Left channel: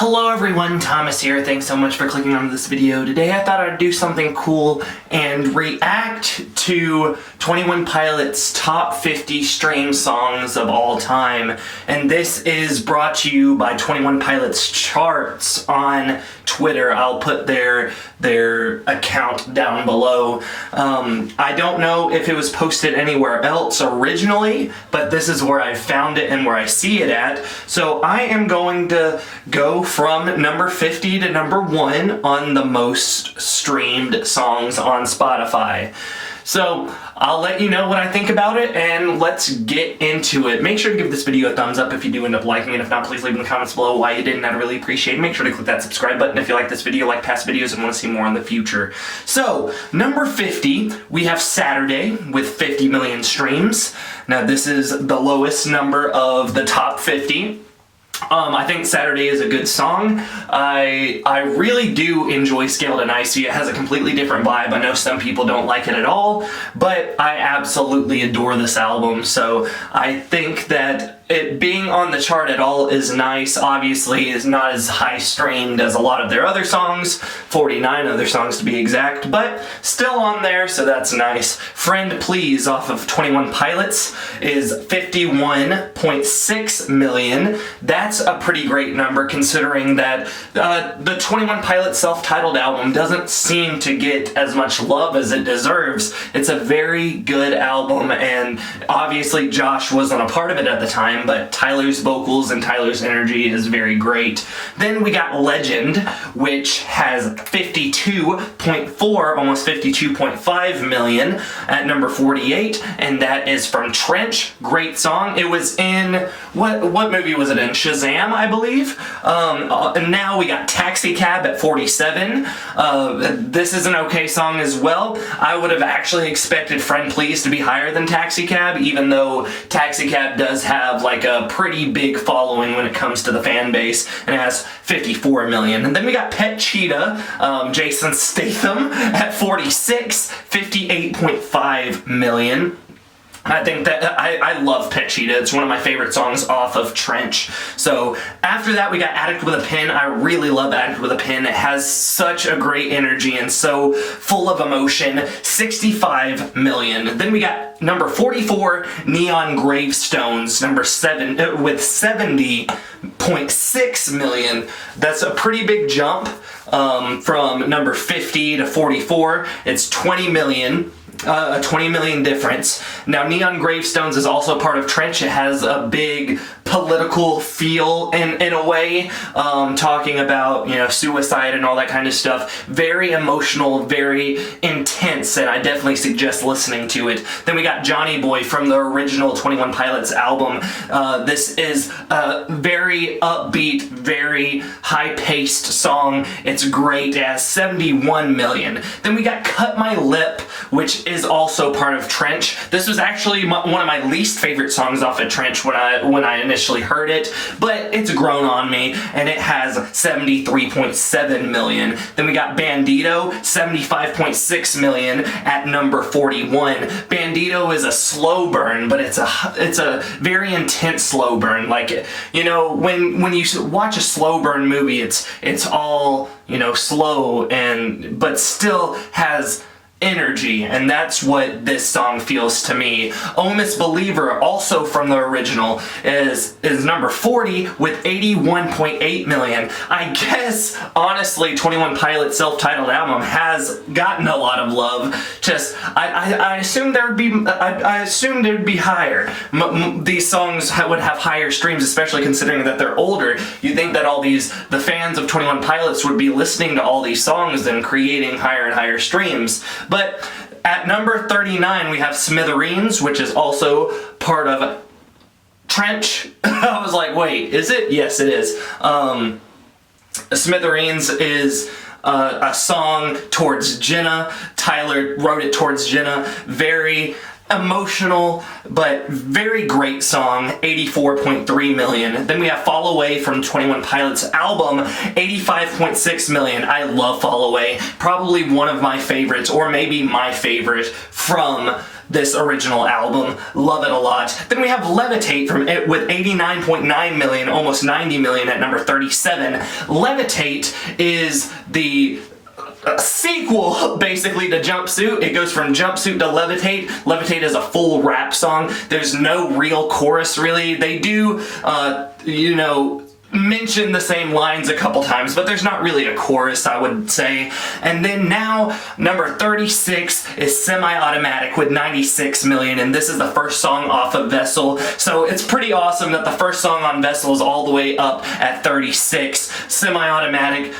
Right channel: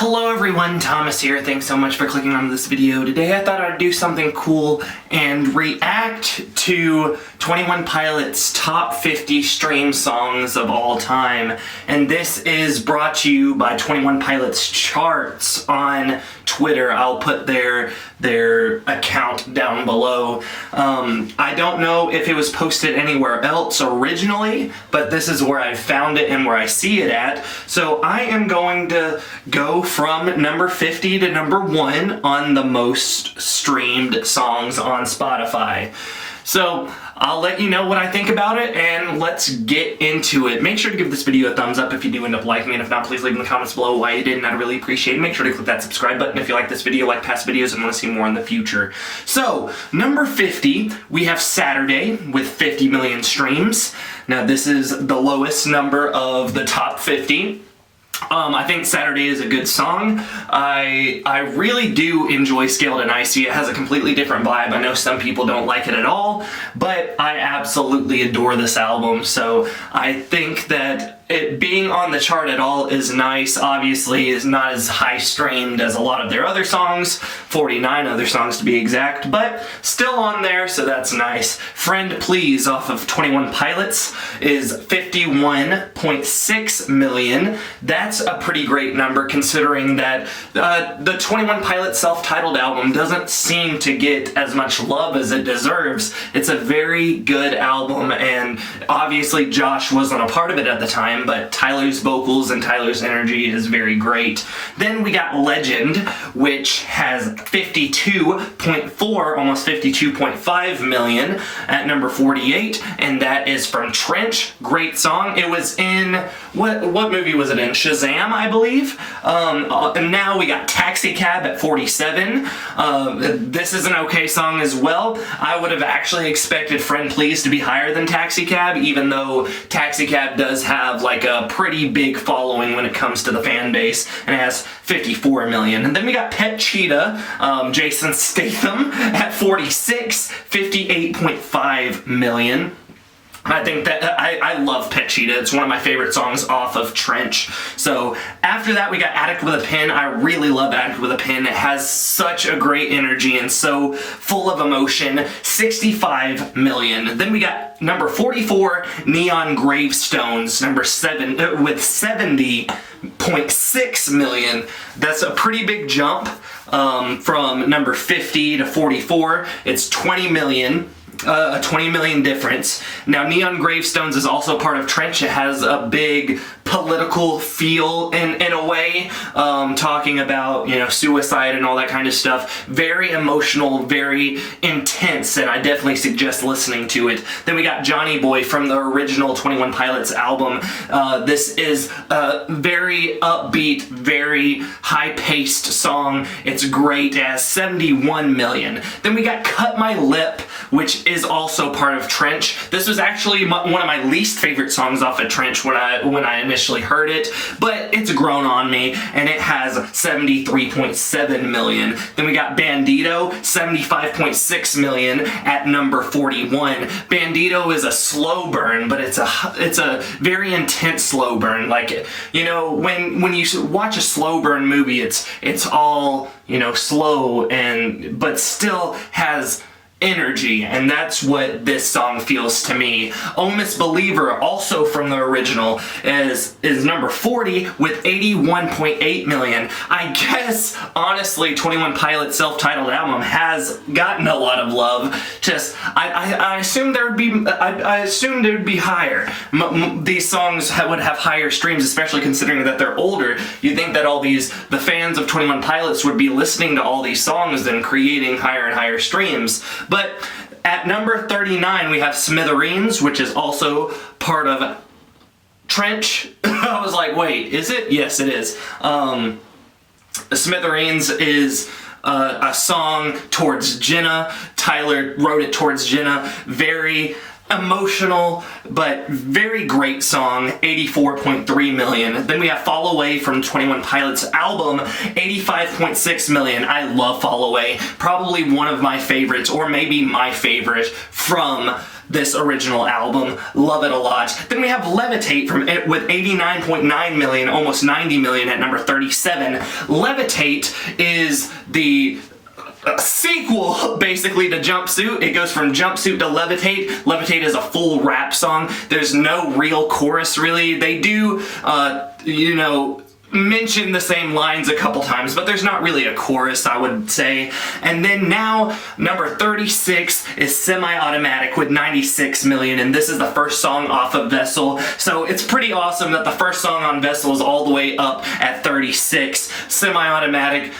Hello everyone, Thomas here. Thanks so much for clicking on this video. Today I thought I'd do something cool and react to 21 Pilots' top 50 stream songs of all time. And this is brought to you by 21 Pilots Charts on Twitter. I'll put their account down below. I don't know if it was posted anywhere else originally, but this is where I found it and where I see it at. So I am going to go from number 50 to number 1 on the most streamed songs on Spotify. So I'll let you know what I think about it, and let's get into it. Make sure to give this video a thumbs up if you do end up liking it. If not, please leave in the comments below why you didn't. I'd really appreciate it. Make sure to click that subscribe button if you like this video, like past videos, and want to see more in the future. So, number 50, we have Saturday with 50 million streams. Now, this is the lowest number of the top 50. I think Saturday is a good song. I really do enjoy Scaled and Icy. It has a completely different vibe. I know some people don't like it at all, but I absolutely adore this album. So I think that it being on the chart at all is nice. Obviously, is not as high streamed as a lot of their other songs, 49 other songs to be exact, but still on there, so that's nice. Friend Please off of 21 Pilots is 51.6 million. That's a pretty great number considering that the 21 Pilots self-titled album doesn't seem to get as much love as it deserves. It's a very good album, and obviously Josh wasn't a part of it at the time, but Tyler's vocals and Tyler's energy is very great. Then we got Legend, which has 52.4, almost 52.5 million at number 48, and that is from Trench. Great song. It was in, what movie was it in? Shazam, I believe. And now we got Taxi Cab at 47. This is an okay song as well. I would have actually expected Friend Please to be higher than Taxi Cab, even though Taxi Cab does have like a pretty big following when it comes to the fan base, and it has 54 million. And then we got Pet Cheetah, Jason Statham at 46, 58.5 million. I think that I love Pet Cheetah. It's one of my favorite songs off of Trench. So after that, we got Addict with a Pen. I really love Addict with a Pen. It has such a great energy and so full of emotion. 65 million. Then we got number 44, Neon Gravestones, number 7 with 70.6 million. That's a pretty big jump from number 50 to 44. It's 20 million. A 20 million difference. Now, Neon Gravestones is also part of Trench. It has a big political feel in a way, talking about, you know, suicide and all that kind of stuff. Very emotional, very intense, and I definitely suggest listening to it. Then we got Johnny Boy from the original 21 Pilots album. This is a very upbeat, very high-paced song. It's great. It has 71 million. Then we got Cut My Lip, which is also part of Trench. This was actually one of my least favorite songs off of Trench when I initially heard it, but it's grown on me, and it has 73.7 million. Then we got Bandito, 75.6 million at number 41. Bandito is a slow burn, but it's a very intense slow burn. Like, you know, when you watch a slow burn movie, it's all, you know, slow but still has energy, and that's what this song feels to me. Oh Misbeliever, also from the original, is number 40 with 81.8 million. I guess, honestly, 21 Pilots self-titled album has gotten a lot of love. Just, I assumed there'd be higher. These songs would have higher streams, especially considering that they're older. You'd think that the fans of 21 Pilots would be listening to all these songs and creating higher and higher streams. But at number 39, we have Smithereens, which is also part of Trench. I was like, wait, is it? Yes, it is. Smithereens is a song towards Jenna. Tyler wrote it towards Jenna. Very emotional but very great song, 84.3 million. Then we have Fall Away from 21 Pilots album, 85.6 million. I love Fall Away, probably one of my favorites, or maybe my favorite from this original album. Love it a lot. Then we have Levitate from it with 89.9 million, almost 90 million at number 37. Levitate is the sequel basically to Jumpsuit. It goes from Jumpsuit to Levitate. Levitate is a full rap song. There's no real chorus really. They do mention the same lines a couple times, but there's not really a chorus, I would say. And then now, number 36 is Semi-Automatic with 96 million, and this is the first song off of Vessel. So it's pretty awesome that the first song on Vessel is all the way up at 36. Semi-Automatic,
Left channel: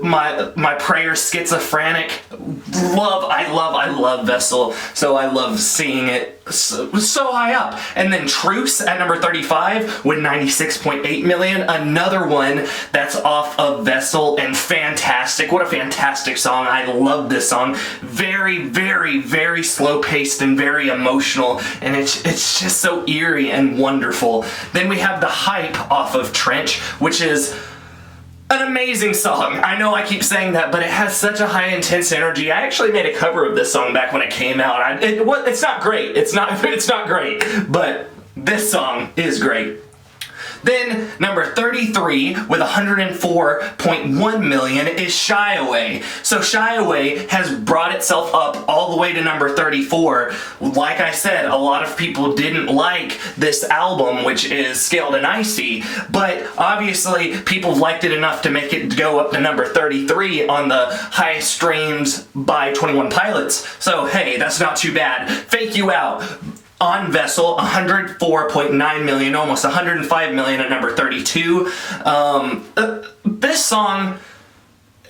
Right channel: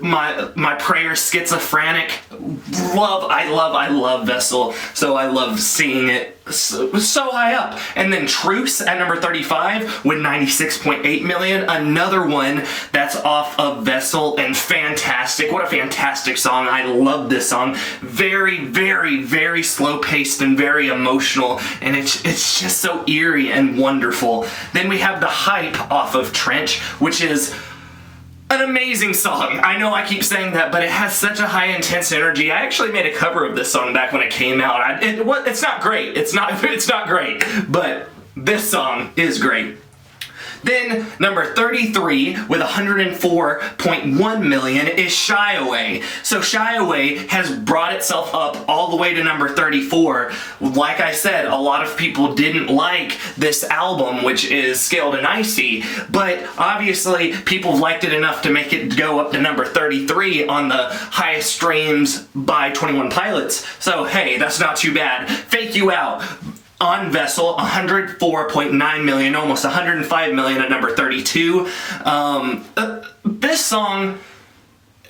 my prayer, Schizophrenic. I love Vessel, so I love seeing it so high up. And then Truce at number 35 with 96.8 million, another one that's off of Vessel, and fantastic. What a fantastic song. I love this song. Very, very, very slow paced and very emotional, and it's just so eerie and wonderful. Then we have The Hype off of Trench, which is an amazing song. I know I keep saying that, but it has such a high intense energy. I actually made a cover of this song back when it came out. It's not great. It's not great, but this song is great. Then number 33 with 104.1 million is Shy Away. So Shy Away has brought itself up all the way to number 34. Like I said, a lot of people didn't like this album, which is Scaled and Icy, but obviously people liked it enough to make it go up to number 33 on the highest streams by 21 Pilots. So hey, that's not too bad. Fake You Out on Vessel, 104.9 million, almost 105 million at number 32. This song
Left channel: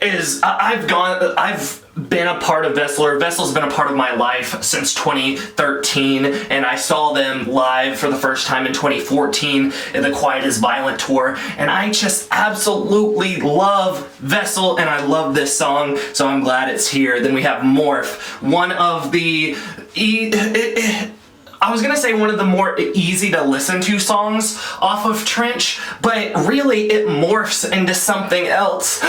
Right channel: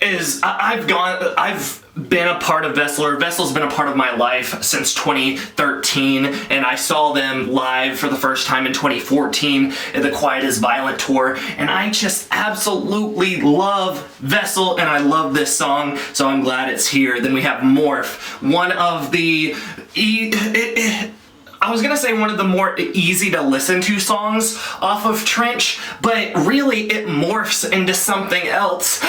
is, I've been a part of Vessel, or Vessel's been a part of my life since 2013, and I saw them live for the first time in 2014 at the Quiet is Violent tour, and I just absolutely love Vessel, and I love this song, so I'm glad it's here. Then we have Morph, one of the I was gonna say one of the more easy to listen to songs off of Trench, but really it morphs into something else.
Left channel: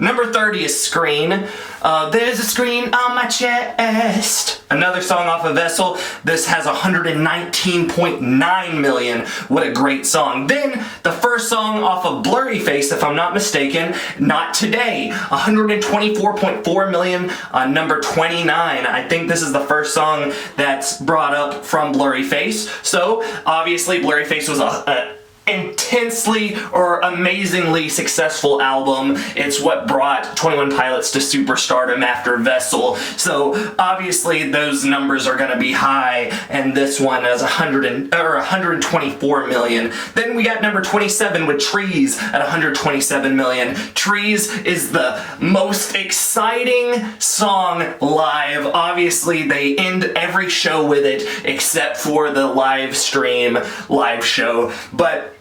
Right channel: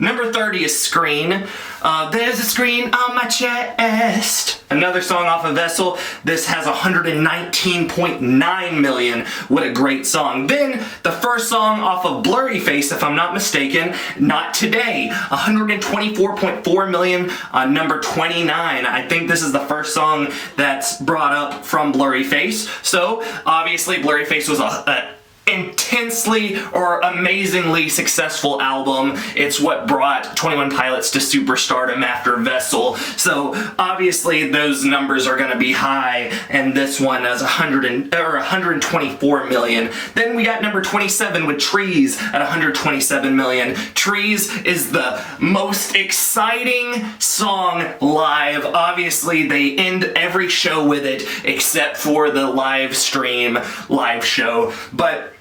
Number 30 is Screen. There's a screen on my chest. Another song off of Vessel. This has 119.9 million. What a great song. Then the first song off of Blurry Face, if I'm not mistaken, Not Today. 124.4 million on number 29. I think this is the first song that's brought up from Blurry Face. So obviously Blurry Face was a intensely or amazingly successful album. It's what brought 21 Pilots to superstardom after Vessel. So obviously those numbers are going to be high, and this one is 124 million. Then we got number 27 with Trees at 127 million. Trees is the most exciting song live. Obviously they end every show with it except for the live show, but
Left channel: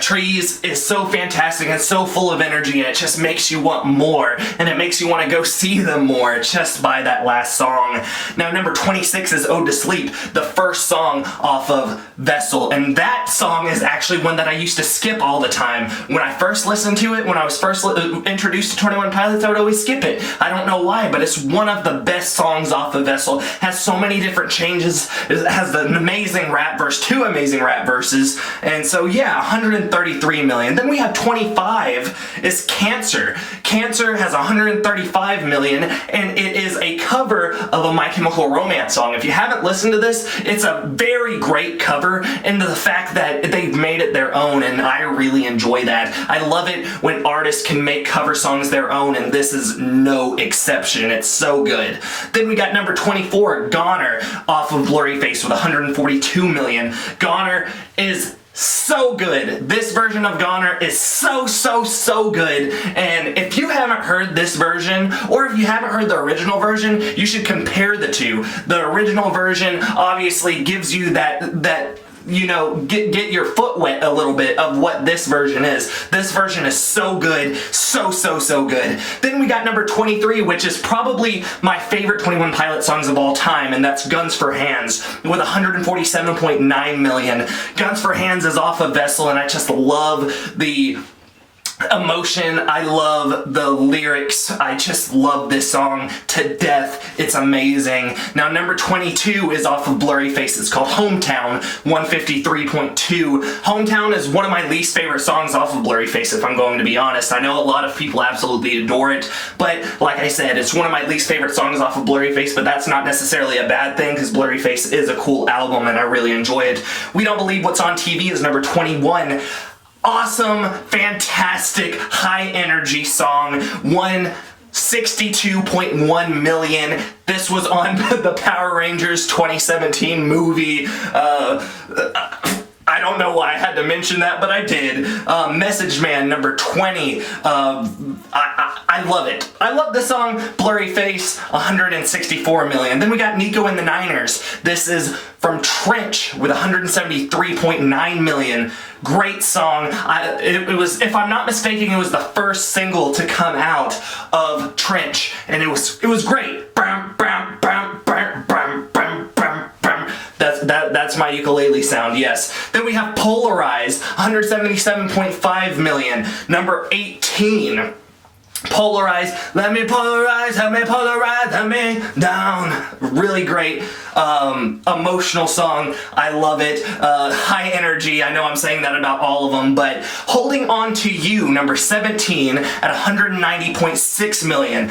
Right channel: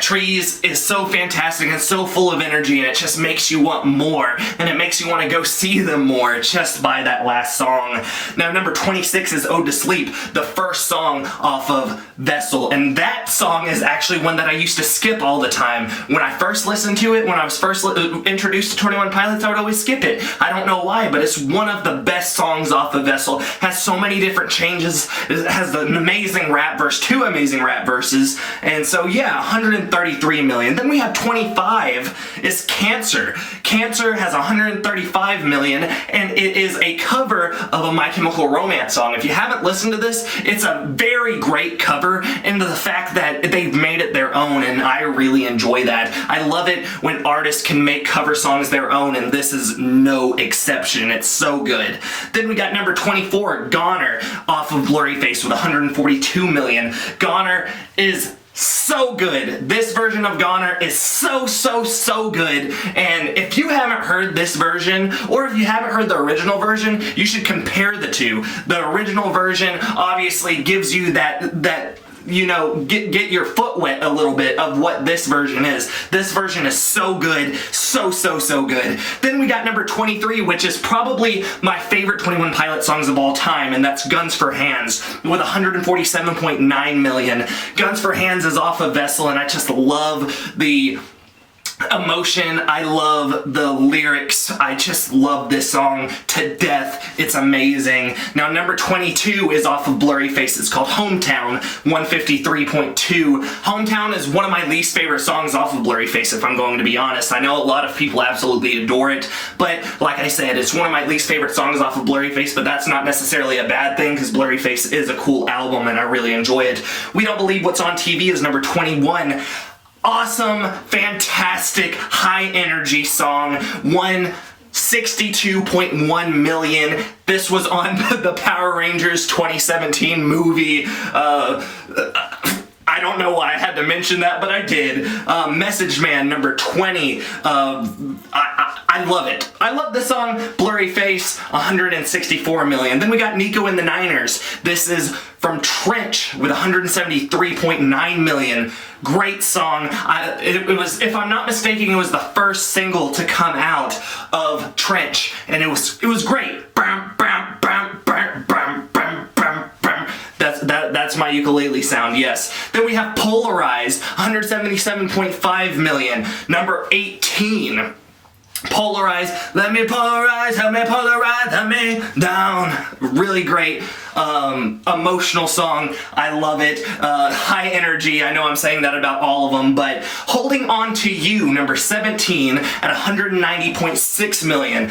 Trees is so fantastic and so full of energy, and it just makes you want more, and it makes you want to go see them more just by that last song. Now number 26 is Ode to Sleep, the first song off of Vessel, and that song is actually one that I used to skip all the time. When I first listened to it, when I was first introduced to 21 Pilots, I would always skip it. I don't know why, but it's one of the best songs off of Vessel. Has so many different changes. It has an amazing rap verse, 2 amazing rap verses, and so yeah, 133 million. Then we have 25 is Cancer. Cancer has 135 million, and it is a cover of a My Chemical Romance song. If you haven't listened to this, it's a very great cover, and the fact that they've made it their own, and I really enjoy that. I love it when artists can make cover songs their own, and this is no exception. It's so good. Then we got number 24, Goner, off of Blurry Face with 142 million. Goner is so good. This version of Goner is so good, and if you haven't heard this version, or if you haven't heard the original version, you should compare the two. The original version obviously gives you that get your foot wet a little bit of what this version is. This version is so good, so good. Then we got number 23, which is probably my favorite 21 Pilots songs of all time, and that's Guns for Hands with 147.9 million. Guns for Hands is off of Vessel, and I just love the emotion. I love the lyrics. I just love this song to death. It's amazing. Now number 22 is off of Blurry Face. It's called Hometown, 153.2. Hometown is one of my least favorite songs off of Blurry Face, if I'm going to be honest. I know a lot of people absolutely adore it, but like I said, it's one of my least favorite songs off of Blurry Face, but that's not necessarily a bad thing because Blurry Face is a cool album and I really enjoy it. We Don't Believe What's on TV is number 21. Awesome, fantastic, high energy song, 162.1 million. This was on the Power Rangers 2017 movie. I don't know why I had to mention that, but I did. Message Man, number 20. I love it. I love the song. Blurry Face, 164 million. Then we got Nico and the Niners. This is from Trench with 173.9 million. Great song. It was, if I'm not mistaken, it was the first single to come out of Trench, and it was great. Bam, bam, bam, bam, bam, bam, bam, bam. That's my ukulele sound, yes. Then we have Polarize, 177.5 million. Number 18. Polarize, let me polarize, help me polarize, let me down. Really great, emotional song. I love it. High energy. I know I'm saying that about all of them, but Holding On to You, number 17 at 190.6 million.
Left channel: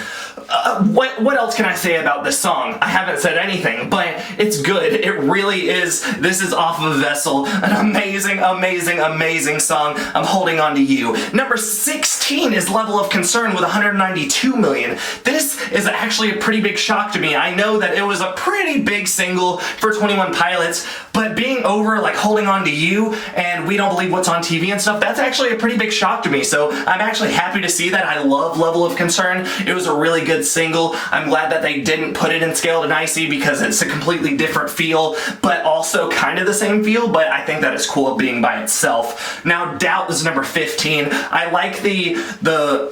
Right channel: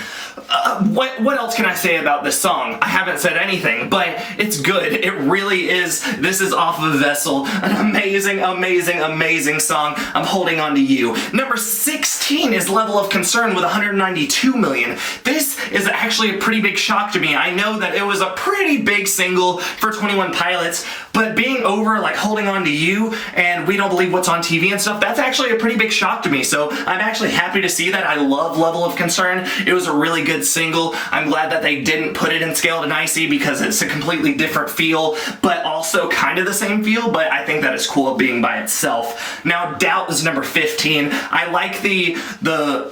What else can I say about this song? I haven't said anything, but it's good. It really is. This is off of Vessel. An amazing, amazing, amazing song. I'm Holding On to You. Number 16 is Level of Concern with 192 million. This is actually a pretty big shock to me. I know that it was a pretty big single for 21 Pilots, but being over like Holding On to You and We Don't Believe What's on TV and stuff, that's actually a pretty big shock to me. So I'm actually happy to see that. I love Level of Concern. It was a really good single. I'm glad that they didn't put it in Scaled and Icy because it's a completely different feel, but also kind of the same feel, but I think that it's cool being by itself. Now Doubt is number 15. I like the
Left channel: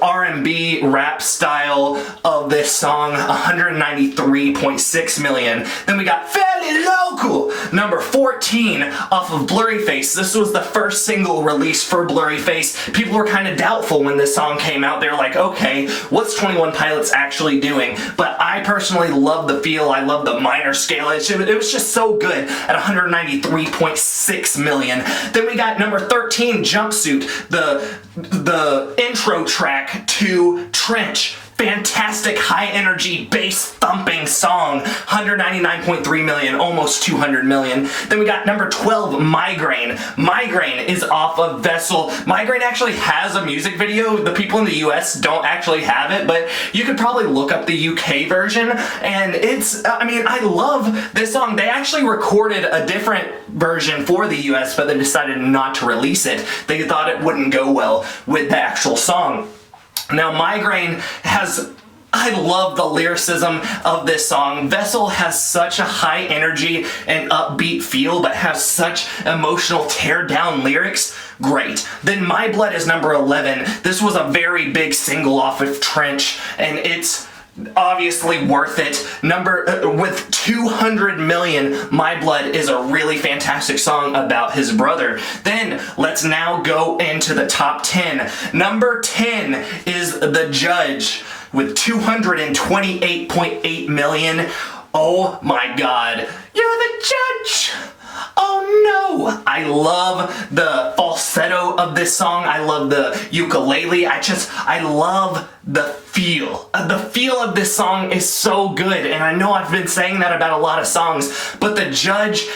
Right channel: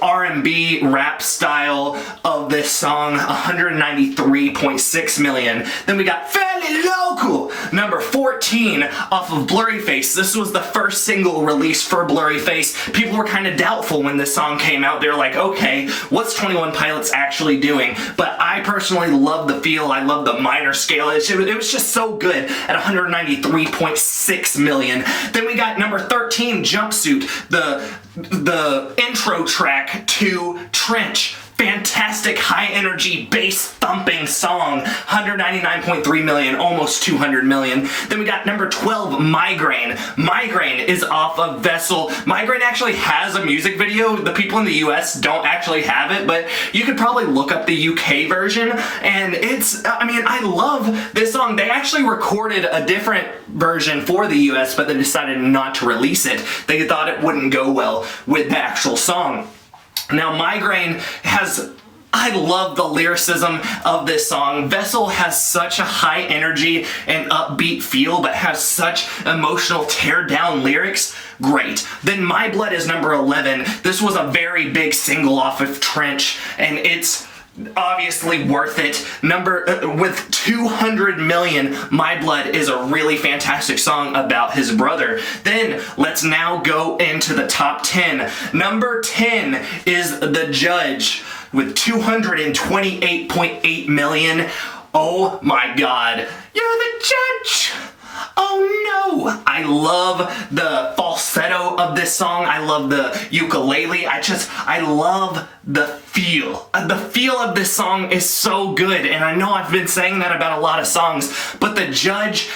R&B rap style of this song, 193.6 million. Then we got Fairly Local, number 14 off of Blurry Face. This was the first single released for Blurry Face. People were kind of doubtful when this song came out. They were like, okay, what's 21 Pilots actually doing? But I personally love the feel. I love the minor scale. It was just so good at 193.6 million. Then we got number 13, Jumpsuit, the intro track to Trench. Fantastic high energy bass thumping song, 199.3 million, almost 200 million. Then we got number 12, Migraine. Migraine is off of Vessel. Migraine actually has a music video. The people in the US don't actually have it, but you could probably look up the UK version, and I love this song. They actually recorded a different version for the US, but they decided not to release it. They thought it wouldn't go well with the actual song. Now, Migraine I love the lyricism of this song. Vessel has such a high energy and upbeat feel, but has such emotional tear-down lyrics. Great. Then My Blood is number 11. This was a very big single off of Trench, and it's obviously worth it. With 200 million, My Blood is a really fantastic song about his brother. Then let's now go into the top 10. Number 10 is The Judge with 228.8 million. Oh my God. You're the judge. Oh no! I love the falsetto of this song. I love the ukulele. I love the feel. The feel of this song is so good, and I know I've been saying that about a lot of songs, but The Judge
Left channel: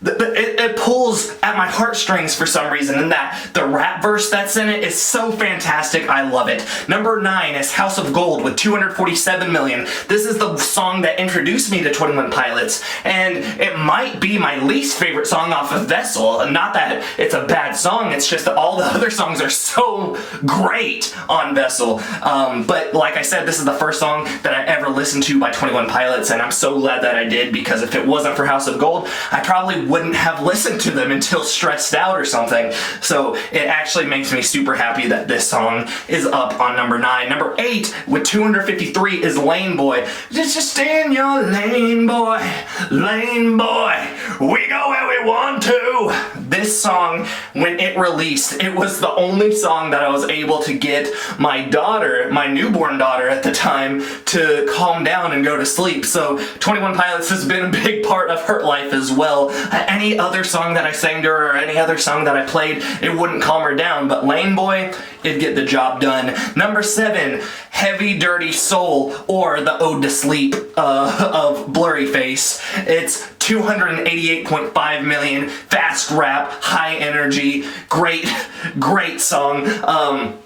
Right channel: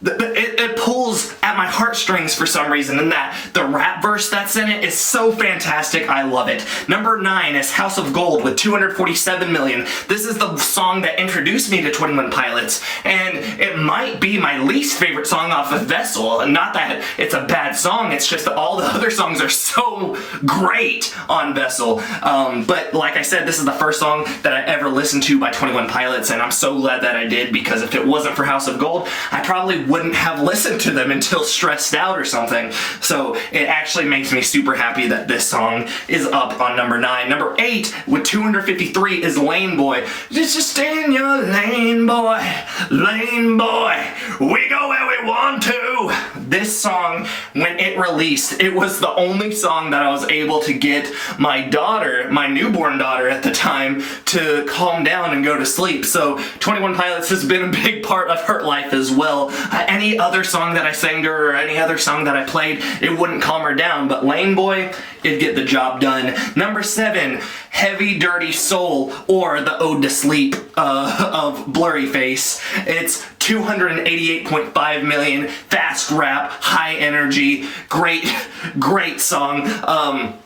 it pulls at my heartstrings for some reason, and the rap verse that's in it is so fantastic. I love it. Number 9 is House of Gold with 247 million. This is the song that introduced me to 21 Pilots, and it might be my least favorite song off of Vessel. Not that it's a bad song, it's just that all the other songs are so great on Vessel. But like I said, this is the first song that I ever listened to by 21 Pilots, and I'm so glad that I did, because if it wasn't for House of Gold, I probably wouldn't have listened to them until Stressed Out or something. So it actually makes me super happy that this song is up on number 9. Number 8 with 253 is Lane Boy. Just stay in your lane, boy. Lane boy. We go where we want to. This song, when it released, it was the only song that I was able to get my daughter, my newborn daughter at the time, to calm down and go to sleep. So 21 Pilots has been a big part of her life as well. Any other song that I sang to her or any other song that I played, it wouldn't calm her down, but Lane Boy, it'd get the job done. Number 7, Heavy Dirty Soul, or the Ode to Sleep of Blurryface. It's 288.5 million, fast rap, high energy, great song.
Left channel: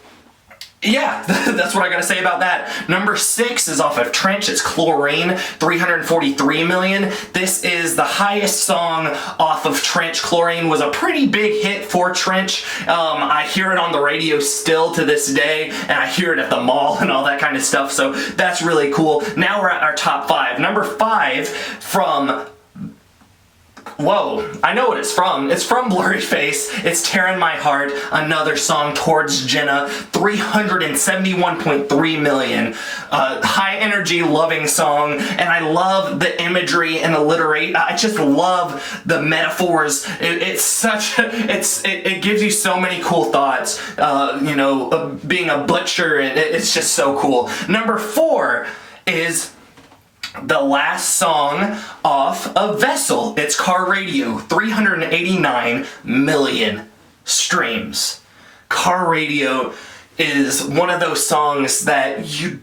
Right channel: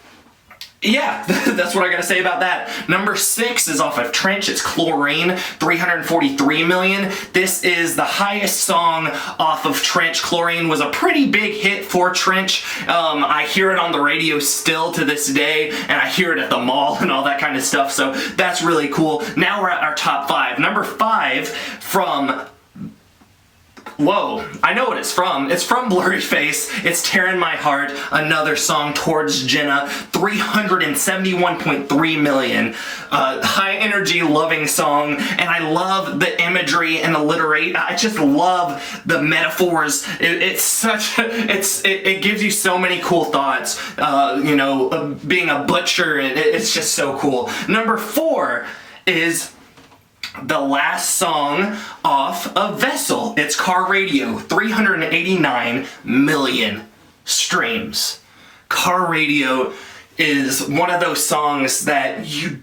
Yeah, that's what I gotta say about that. Number 6 is off of Trench. It's Chlorine, 343 million. This is the highest song off of Trench. Chlorine was a pretty big hit for Trench. I hear it on the radio still to this day, and I hear it at the mall and all that kind of stuff, so that's really cool. Now we're at our top 5. Number 5 from... Whoa, I know what it's from. It's from Blurryface. It's Tearing My Heart, another song towards Jenna, 371.3 million. High energy, loving song, and I love the imagery and alliteration. I just love the metaphors. It gives you so many cool thoughts. Being a butcher, it's just so cool. Number 4 is the last song off of Vessel. It's Car Radio, 389 million streams. Car Radio is one of those songs that you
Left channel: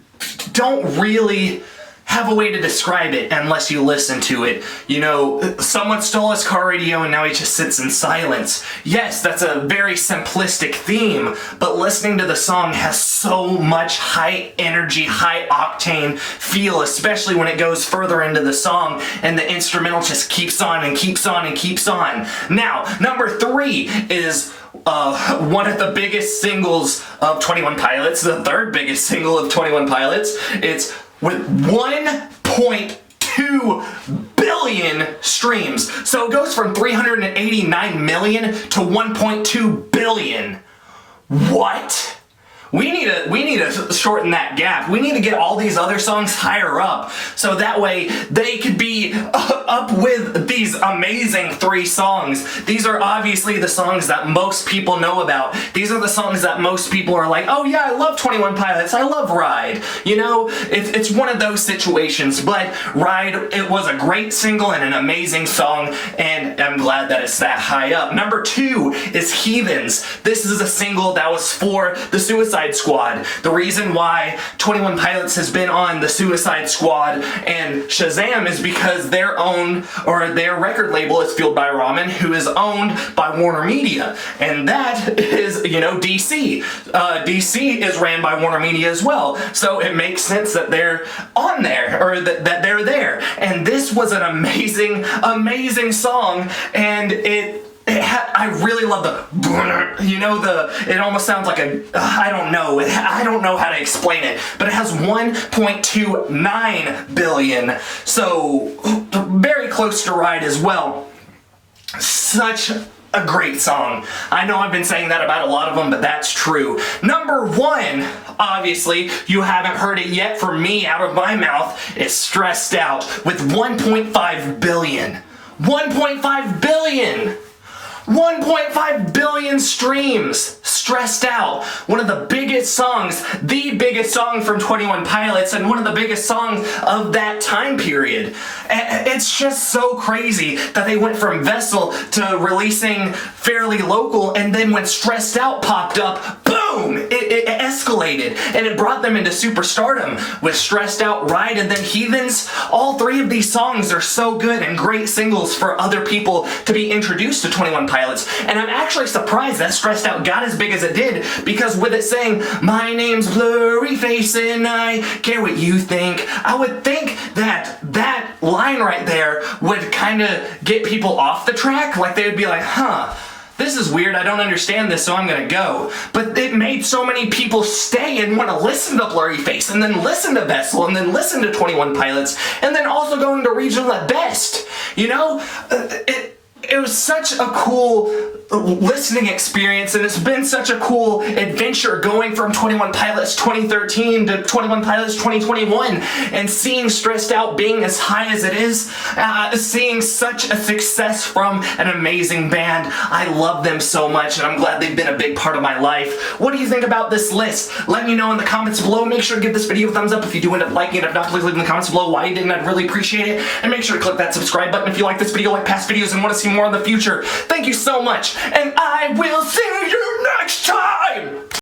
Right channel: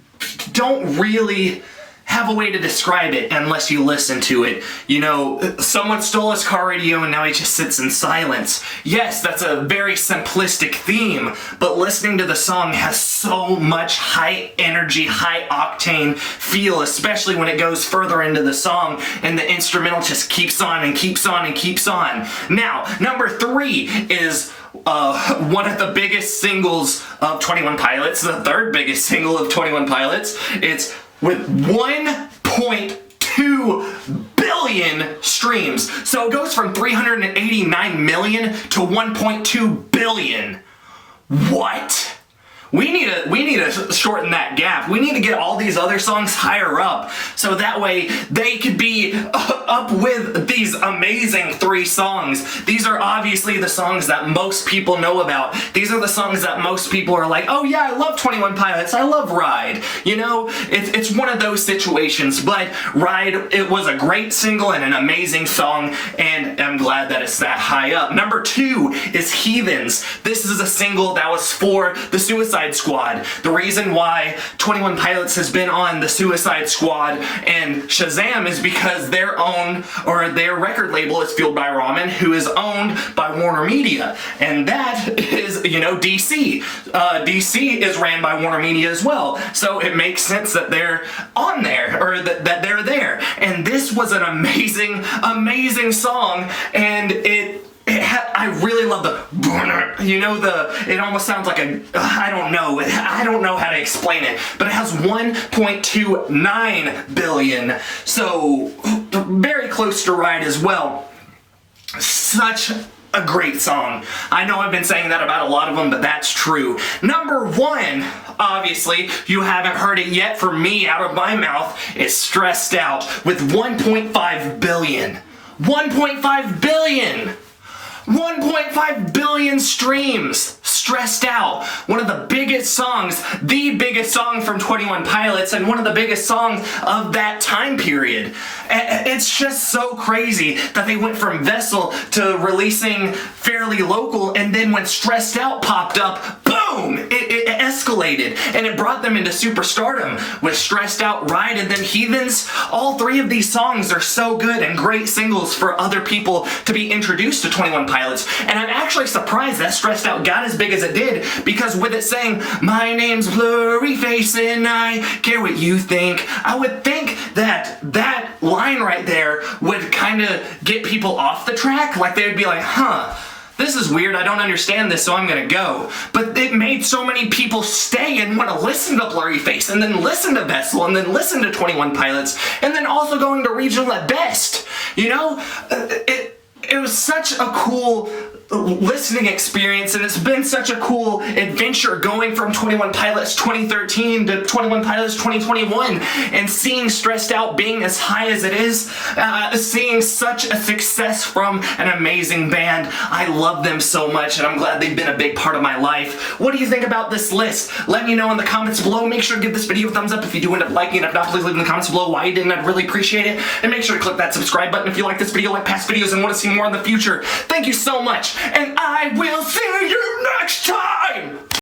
don't really have a way to describe it unless you listen to it. You know, someone stole his car radio and now he just sits in silence. Yes, that's a very simplistic theme, but listening to the song has so much high energy, high octane feel, especially when it goes further into the song and the instrumental just keeps on and keeps on and keeps on. Now, number 3 is one of the biggest singles of 21 Pilots, the third biggest single of 21 Pilots. It's with 1.2 billion streams. So it goes from 389 million to 1.2 billion. What? We need to shorten that gap. We need to get all these other songs higher up, so that way they could be up with these amazing 3 songs. These are obviously the songs that most people know about. These are the songs that most people are like, oh yeah, I love 21 Pilots, I love Ride. You know, it's one of those situations, but Ride, it was a great single and an amazing song, and I'm glad that it's that high up. Number 2 is Heathens. This is a single that was for the Suicide Squad. The reason why 21 Pilots has been on the Suicide Squad and Shazam is because their record label is Fueled by Ramen, who is owned by Warner Media, and that is, DC. DC is ran by Warner Media as well, so it makes sense that they're on there, or that they're there. And this was an amazing song, and I really love it almost sounds like I don't know how to explain it, but it has 1.29 billion, so very close to Ride as well. Such a great song. I know I've been saying that about a lot of them, but that's true. Number 1, obviously, you haven't heard it yet from me out of my mouth, is Stressed Out with 1.5 billion. 1.5 billion! 1.5 billion streams. Stressed Out. One of the biggest songs, the biggest song from 21 Pilots, and one of the biggest songs of that time period. It's just so crazy that they went from Vessel to releasing fairly local, and then when Stressed Out popped up, boom! boom, it escalated, and it brought them into superstardom with Stressed Out, Ride, and then Heathens. All three of these songs are so good and great singles for other people to be introduced to 21 Pilots, and I'm actually surprised that Stressed Out got as big as it did, because with it saying, my name's Blurryface and I care what you think, I would think that that line right there would kind of get people off the track. Like, they would be like, huh, this is weird, I don't understand this, so I'm gonna go. But it made so many people stay and want to listen to Blurryface, and then listen to Vessel, and then listen to 21 Pilots, and then also going to regional at best. You know, it was such a cool listening experience, and it's been such a cool adventure going from 21 Pilots 2013 to 21 Pilots 2021, and seeing Stressed Out being as high as it is, seeing such a success from an amazing band. I love them so much, and I'm glad they've been a big part of my life. What do you think about this list? Let me know in the comments below. Make sure to give this video a thumbs up if you do end up liking it. If not, please leave in the comments below why you didn't. I'd really appreciate it. And make sure to click that subscribe button if you like this video, like past videos, and want to see more in the future. Thank you so much, and I will see you next time!